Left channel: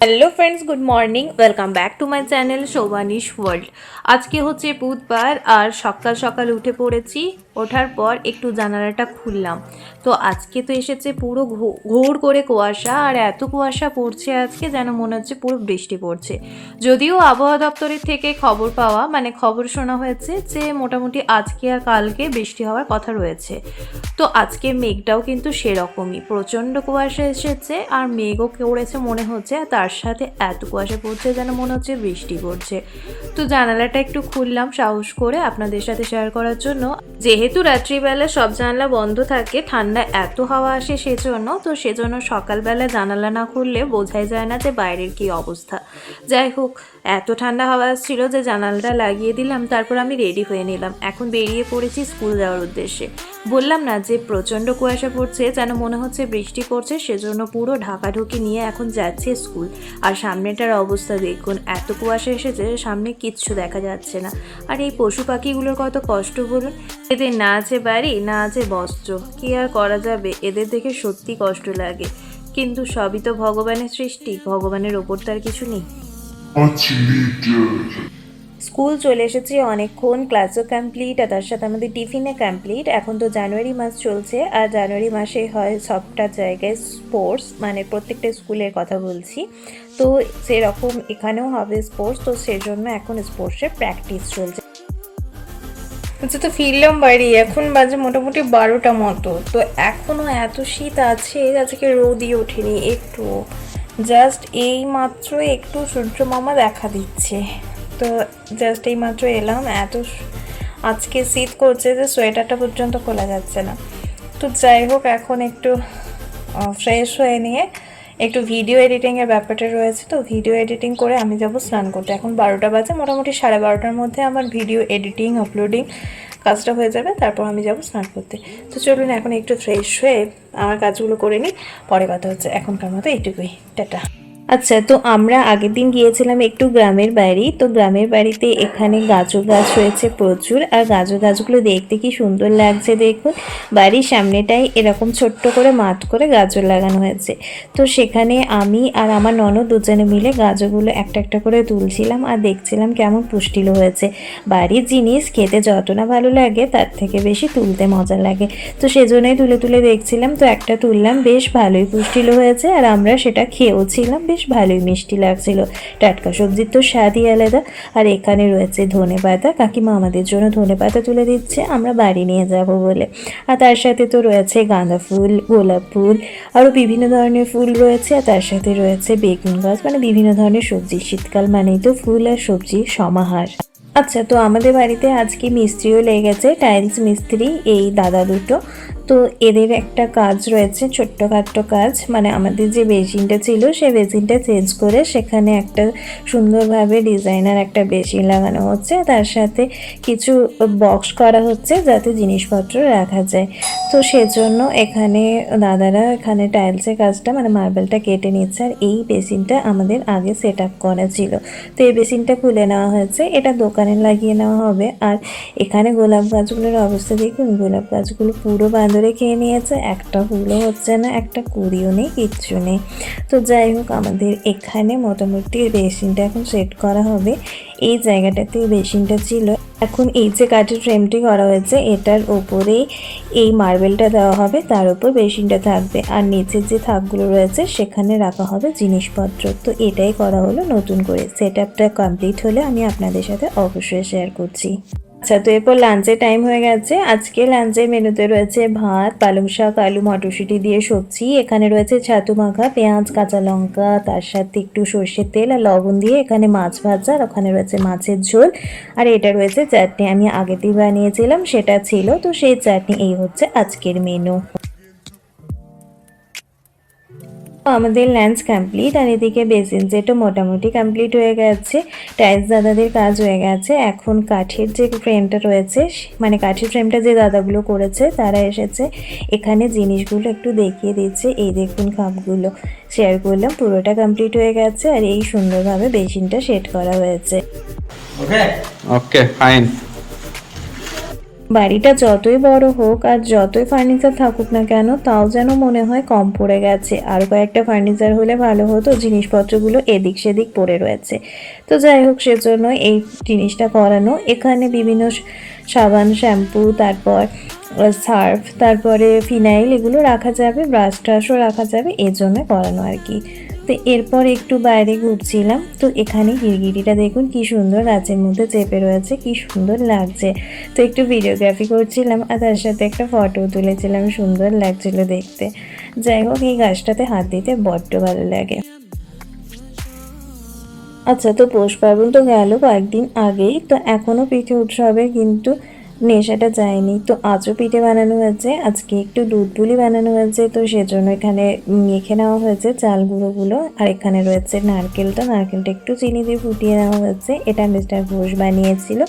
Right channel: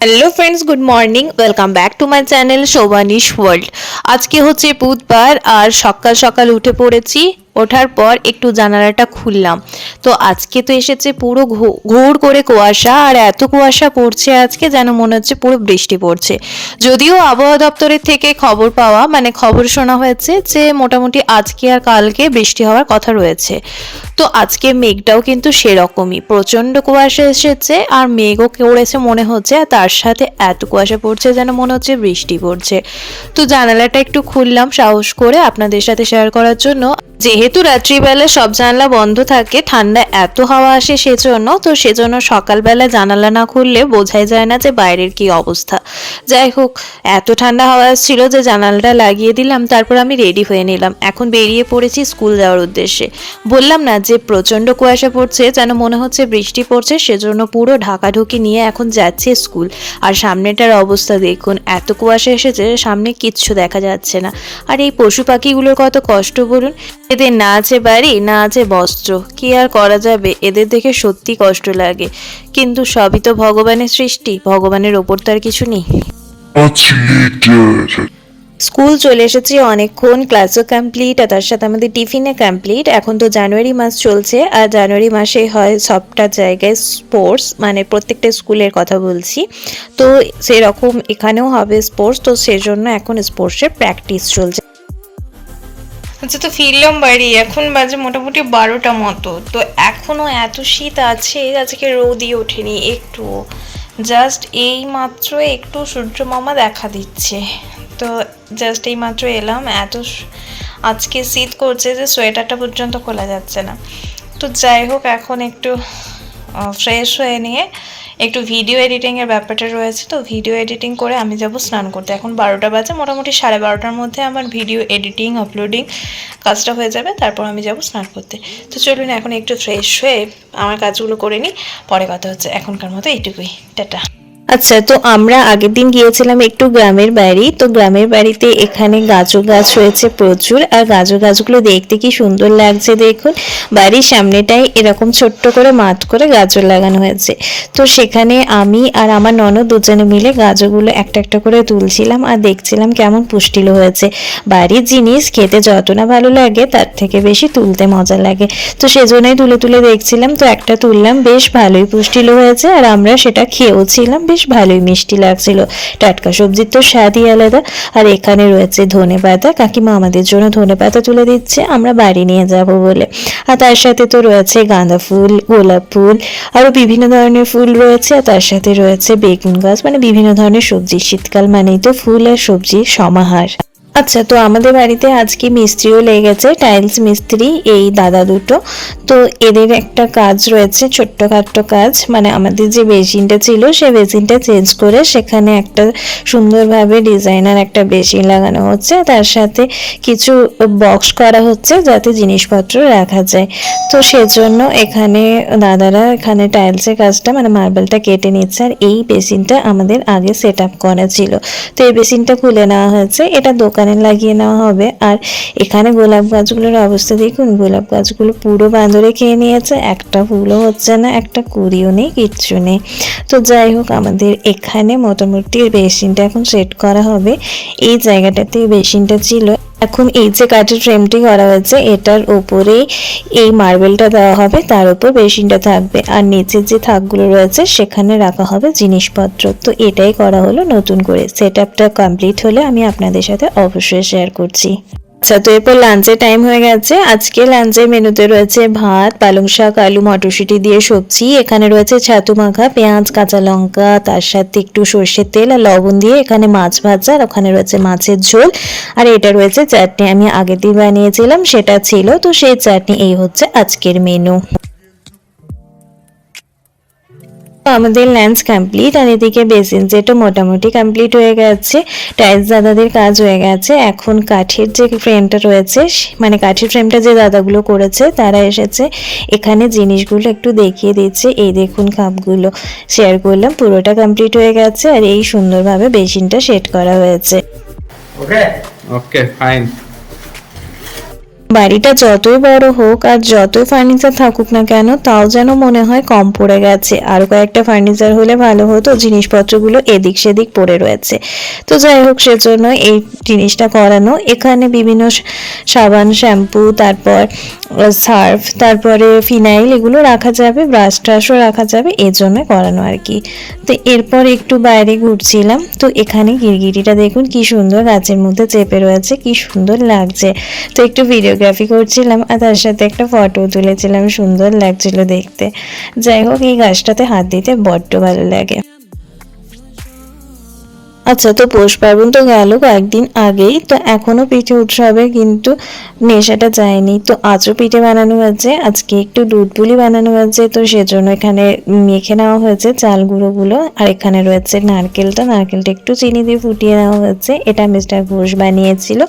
Hello friends, good morning. Welcome back to my channel Shobhanish world. আজকে হচ্ছে বুধবার আর সকাল সকাল উঠে পড়েছি। ওঠার পর একটু জানালাটা খুললাম, তো আজকে তো এসেছে পুরো ঘোর করে কুয়াশা, আর এত কুয়াশা পড়ছে আজকে যেন মনে হচ্ছে পুরো বৃষ্টি পড়ছে। যদিও আবহাওয়া দপ্তরের থেকে খবর পাওয়া মানে খবর শোনা হয়েছে যে মোটামুটি আজকে আর কালকে বৃষ্টি হওয়ার কথা রয়েছে। তো আজকে মেঘটাও কিন্তু সেরকমই, প্রচণ্ড কুয়াশা এসেছে আর মেঘও করেছে মনে হচ্ছে, আর তার সাথে এত কুয়াশা পড়ছে যেন মনে হচ্ছে বৃষ্টি পড়ছে। তো জানালাটা একটু খুললাম সাহস করে আপনাদের সাথে শেয়ার করার জন্য। যেহেতু রাত্রিবেলা সব জানালা বন্ধ থাকে, ঠান্ডা এত হাওয়া আসে সেজন্য সকালবেলা জানালা না খুললে বোঝাই যায় না যে বাইরের কি অবস্থা। যাই হোক, এত ঠান্ডা হাওয়া আসছিল যে জানালাটা লাগিয়ে দিলাম, তারপর আমি রেডি হয়ে নিলাম। এখন বেরিয়ে পড়েছি স্কুল যাওয়ার উদ্দেশ্যে। বললাম না যে প্রচণ্ড কুয়াশা পড়ছে, যেন মনে হচ্ছে বৃষ্টি পড়ছে, সেজন্য পুরো ঢাকাঢুকি নিয়ে এখন যাচ্ছে স্কুল। আর সামনেটার অবস্থা দেখুন, এত কুয়াশা এসেছে সামনে কিচ্ছু দেখা যাচ্ছে না। আর এই পশু পাখিগুলোর কত কষ্ট বলুন, এদের না আছে বাড়ি না আছে বস্ত্র, কি আর করা যাবে, এদের দেখে সত্যি কষ্ট লাগে। কিন্তু সবই তো ভগবানের সৃষ্টি, ভগবানের ওপর তো আর কিছু নেই। স্কুল চলে এসেছি অনেকক্ষণ, ক্লাসও কমপ্লিট আর তার সাথে আমাদের টিফিনে কমপ্লিট। এখন তো জানুয়ারি মাস চলছে, আর জানুয়ারি মাসে হয় সবটা জায়গায় স্পোর্টস, মানে প্রত্যেকটা স্কুলের কথা বলছি। তো সেরকম এখানেও হবে স্পোর্টস, তো সেজন্য এখন স্পোর্টসের প্র্যাকটিস চলছে। আচ্ছা, তো ফিরলাম বাড়ি, এখন বাজে মোটামুটি 12টা মতো। তো এখনও এত শীত আছে, আজকে রোদই ওঠেনি একটু, জাস্ট এই মাত্র একটু সূর্য মামা দেখা দিচ্ছে। তো জাস্ট এই মাত্র এলাম, আজকে শীত করছে যে সোয়েটারটা পর্যন্ত খোলা যাচ্ছে না। তো যাই হোক, এখন একটু ফ্রেশ হয়ে নিয়ে একটু ভিডিও এডিটিংয়ের ব্যাপারটা রয়েছে, তো ভিডিও এডিটিং করে আমি যাব স্নান করতে। এখন 12টা বাজে, মোটামুটি 12:30টার মধ্যে আমার ভিডিও এডিটিং আপলোডিং কাজটা হয়ে যাবে, তারপর আমি যাব স্নান করতে। তো চলুন এখন একটু ফ্রেশ হয়ে আমার কাজগুলো করে নিই, পরে কথা হচ্ছে। এখনকার মতো এইটুকুই, টাটা। আচ্ছা, তো আমরা আগের দিন গিয়েছিলাম একটু গ্রামের বাড়ি। তো গ্রামের বাড়িতে এখানে গাজর গাছ রয়েছে প্রচুর, আর গাজর গাছগুলো দেখতে কি সুন্দর লাগছে দেখুন। বাড়ির সামনেটাই এরকম ছোট্ট করে মাঠ করে গাজর লাগানো হয়েছে। তো সেখানে আমি আর আমার ননদ দুজনে মিলে গাজরগুলো একটা একটা করে তুলছিলাম আর দেখছিলাম কেমন পুষ্টিলো হয়েছে। বাড়ির জিনিস খেতে যত না ভালো লাগে তার থেকে বেশি তুলতে মজা লাগে, তো সেজন্যই তুলে তুলে দেখছিলাম। তো একটা তুললাম, বেশ ভালোই পুষ্টিলো হয়েছে, আর আমরা সেটা খেয়েও ছিলাম, বেশ ভালোই মিষ্টি লাগছিল। টাটকা সবজির তো স্বাদই আলাদা। আর এখানে রয়েছে ধনেপাতা, কাকিমা আমাদের জন্য ধনেপাতা তুলে দিচ্ছে আমরা বাড়ি নিয়ে যাব বলে। আর তার সাথে তো রয়েছে গাঁদা ফুল, গোলাপ ফুল, আরও বিভিন্ন ধরনের ফুল রয়েছে। আর তার সাথে রয়েছে বেগুন গাছ, মানে বিভিন্ন ধরনের সবজি। শীতকাল মানেই তো ফুল আর সবজির সমাহার। আচ্ছা, তো আমাদের বাড়িতে আজকে মিস্ত্রিও লেগেছে, টাইলস মিস্ত্রি, এই দাদা দুটো। তো এদের একটা কাজ রয়েছে, ছোট্টখাট্টো কাজ, মানে আমাদের যে বেসিনটা ছিল সেই বেসিনটা চেঞ্জ করে সেখানে একটা সুন্দরভাবে ডিজাইনার একটা বেসিন লাগানো হচ্ছে, তার সাথে কিছু বক্স করা হচ্ছে যাতে জিনিসপত্র রাখা যায়। তো সেজন্য এখানে দাদারা এখানে টাইলসের কাজটা মানে মার্বেলটা কেটে নিচ্ছে। আর এই বেসিনটা আমাদের আগে সেট আপ করা ছিল, তো এই বেসিনটা খুলে নেওয়া হয়েছে, এটা দোকানে লাগিয়ে নেওয়া হবে। আর এখানে গোলাপ গাছগুলোর অবস্থা দেখুন, গোলাপ গাছগুলো পুরো বাঁদরে খেয়ে নিয়েছে, একটা ফুলও হচ্ছে না, একটা কুড়িও নেই, কিচ্ছু নেই। তো যাই হোক, আমাদের এখানে মোটামুটি বেসিনটা এখন সেট করা হবে। এই জায়গাটাতে বেসিনটা ছিল, এখন এই যে কাঠের ফ্রেমটি করা হয়েছে এটার উপরেই এই মার্বেলটা দেওয়া হবে, তার উপর বেসিনটা থাকবে, আর নিচের যে থাকগুলো রয়েছে সেখানে রাখা হবে জিনিসপত্র। তো এটাই করা হলো নতুন করে। সেট আপটা কমপ্লিট হলে আমি আপনাদের সাথে অবশ্যই শেয়ার করছি। আচ্ছা, তো এরপর লাঞ্চের টাইম হয়ে গেছে। আজকে লাঞ্চের মেনুতে রয়েছে ভাত, পালং শাক, আলু, মটরশুঁটি দিয়ে সবজি। এখানে রয়েছে ছাতু মাখা, পেঁয়াজ, কাঁচা লঙ্কা, তার সাথে একটু সর্ষের তেল আর লবণ দিয়ে এখানে মাছ ভাজা, আর ওখানে রয়েছে মাছের ঝোল, আর এটা রয়েছে চাটনি। আমি আগের দিন বানিয়েছিলাম সেটা ছিল, তো সেই চাটনি। এই হচ্ছে আজকের মেনু। আমাদের লাঞ্চ কমপ্লিট, আর এদিকে বেসিন যেটা মোটামুটি কমপ্লিট হয়ে গেছে, টাইলস দাদাদের কাজ হয়ে গেছে। এখন কাঠের যে ফ্রেমটা রয়েছে, মানে কাঠের ফ্রেমটা যে দাদাগুলো করেছে তারা এসেছে, এখানে জিনিসগুলো একটু দেখিয়ে দিচ্ছে। এই দেখুন কাপগুলো শেয়ার করলাম, পুরোটা কমপ্লিট হয়ে গেছে, আর এই সুন্দরভাবে বেসিনটা সেট করা হয়েছে। ওকে ওকে ফাইন। বাড়িটা যতই বড় হোক আর যতই ফার্নিচার থাকুক না কেন, তাও যেন মনে হয় কম পড়ে গেছে, আরও কয়েকটা ফার্নিচার হলে ভালো হতো, জিনিসপত্রগুলো এদিক সেদিক পড়ে রয়েছে। তো যাই হোক, সেজন্য এই জিনিসটা করানো। এখানে বিভিন্ন সাবান, শ্যাম্পু, তারপর সার্ফ, তারপরে ফিনাইল, এগুলো রাখা যাবে, ব্রাশ ট্রাশও রাখা যাবে, এর জন্য করানো আর কি। তো এরপর একটু বাইরে ঘুরছিলাম। তো এখানে গিরগিটিটা দেখুন কি সুন্দর গাছের মধ্যে চেপে রয়েছে, কি সুন্দর লাগছে। তো একটু ভিডিওগ্রাফি করছিলাম আর তার সাথে একটা ফটো তুলেছিলাম, সুন্দর লাগছিল দেখতে। যাই হোক, এই গাছটাতে হাত দিতে বড্ড ভালো লাগে। আচ্ছা, তো পৌষ পার্বণ তো গেল কয়েকদিন আগেই, তো এখনো পিঠে উৎসবে কিন্তু নেশাটা যায়নি। তো আজও পিঠে বানানো হয়েছে, আজকে একটু দুধ পুলি বানানো হয়েছে, তো সেজন্য এখানে মেখে নেওয়া হয়েছে চাল গুঁড়োগুলো। আর এখানে রয়েছে নারকেলটা একটু চিনি দিয়ে ফুটিয়ে নেওয়া হয়েছে, এটা মিস্টার ঘোষ বানিয়েছিল।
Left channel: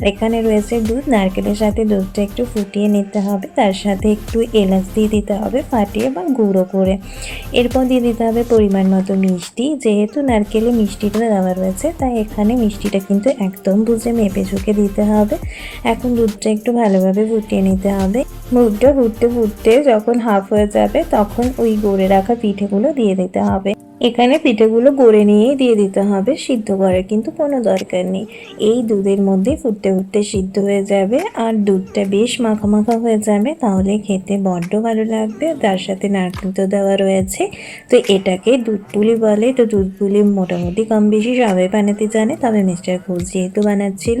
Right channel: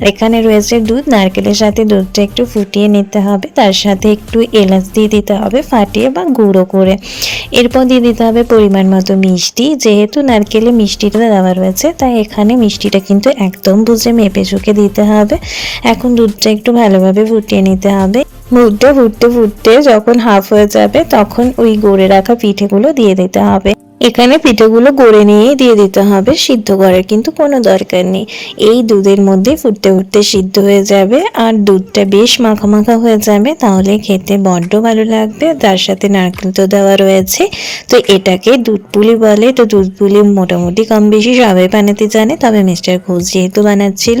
আর এখানে রয়েছে দুধ, নারকেলের সাথে দুধটা একটু ফুটিয়ে নিতে হবে, তার সাথে একটু এলাচ দিয়ে দিতে হবে ফাটিয়ে বা গুঁড়ো করে। এরপর দিয়ে দিতে হবে পরিমাণ মতো মিষ্টি, যেহেতু নারকেলে মিষ্টিটা দেওয়া রয়েছে তাই এখানে মিষ্টিটা কিন্তু একদম বুঝে মেপে ঝুঁকে দিতে হবে। এখন দুধটা একটু ভালোভাবে ফুটিয়ে নিতে হবে। দুধটা ফুটতে ফুটতে যখন হাফ হয়ে যাবে তখন ওই গড়ে রাখা পিঠেগুলো দিয়ে দিতে হবে। এখানে পিঠেগুলো গড়ে নিয়েই দিয়ে দিতে হবে, সিদ্ধ করার কিন্তু কোনো দরকার নেই। এই দুধের মধ্যে ফুটতে ফুটতে সিদ্ধ হয়ে যাবে আর দুধটা বেশ মাখা মাখা হয়ে যাবে, তাহলে খেতে বড্ড ভালো লাগবে। তার সাথে নারকেল তো দেওয়া রয়েছে, তো এটাকে দুধ পুলি বলে। তো দুধ পুলি মোটামুটি কম বেশি সবাই বানাতে জানে, তবে মিস্টার ঘোষ যেহেতু বানাচ্ছিল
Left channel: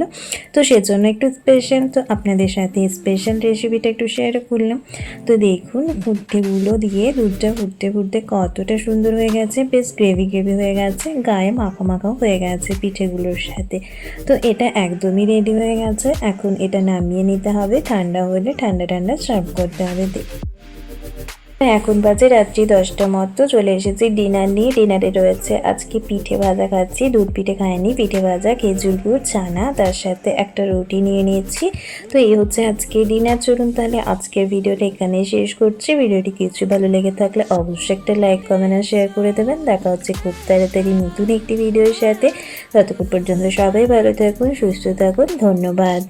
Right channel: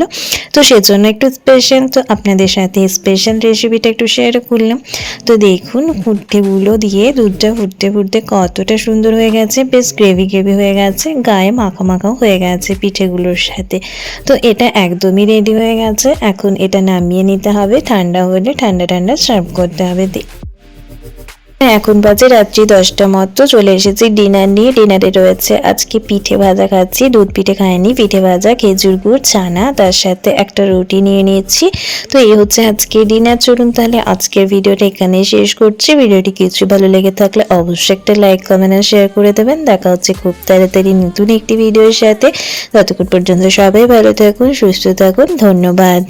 তো সেজন্য একটু স্পেশাল, তো আপনাদের সাথে স্পেশাল রেসিপিটা একটু শেয়ার করলাম। তো দেখুন, পিঠেগুলো দিয়ে দুধটা ফুটতে ফুটতে কতটা সুন্দর হয়ে গেছে, বেশ গ্রেভি গ্রেভি হয়ে গেছে, গায়ে মাখা মাখাও হয়ে গেছে পিঠেগুলোর সাথে। তো এটা একদমই রেডি হয়ে গেছে। এখন এটা নামিয়ে নিতে হবে, ঠান্ডা হলে ঠান্ডা ঠান্ডা সার্ভ করতে হবে। এখন বাজে রাত্রি 10টা মতো, চলে এসেছি ডিনার নিয়ে। ডিনারে রয়েছে আজকে পিঠে ভাজা খাচ্ছি, দুধ পিঠে খাইনি, পিঠে ভাজা, খেজুর গুড়, ছানা, তার সাথে একটা রুটি নিয়ে নিয়েছি। তো এই হচ্ছে আজকে ডিনার। চলুন তাহলে আজকের ভিডিওটা এখানেই শেষ করছি। ভিডিওটি কিছু ভালো লেগে থাকলে অবশ্যই একটা লাইক, কমেন্ট আর শেয়ার করে দেবেন। দেখা হচ্ছে খুব তাড়াতাড়ি নতুন একটি ভিডিওর সাথে। ততক্ষণ পর্যন্ত সবাই ভালো থাকুন, সুস্থ থাকুন, ধন্যবাদ।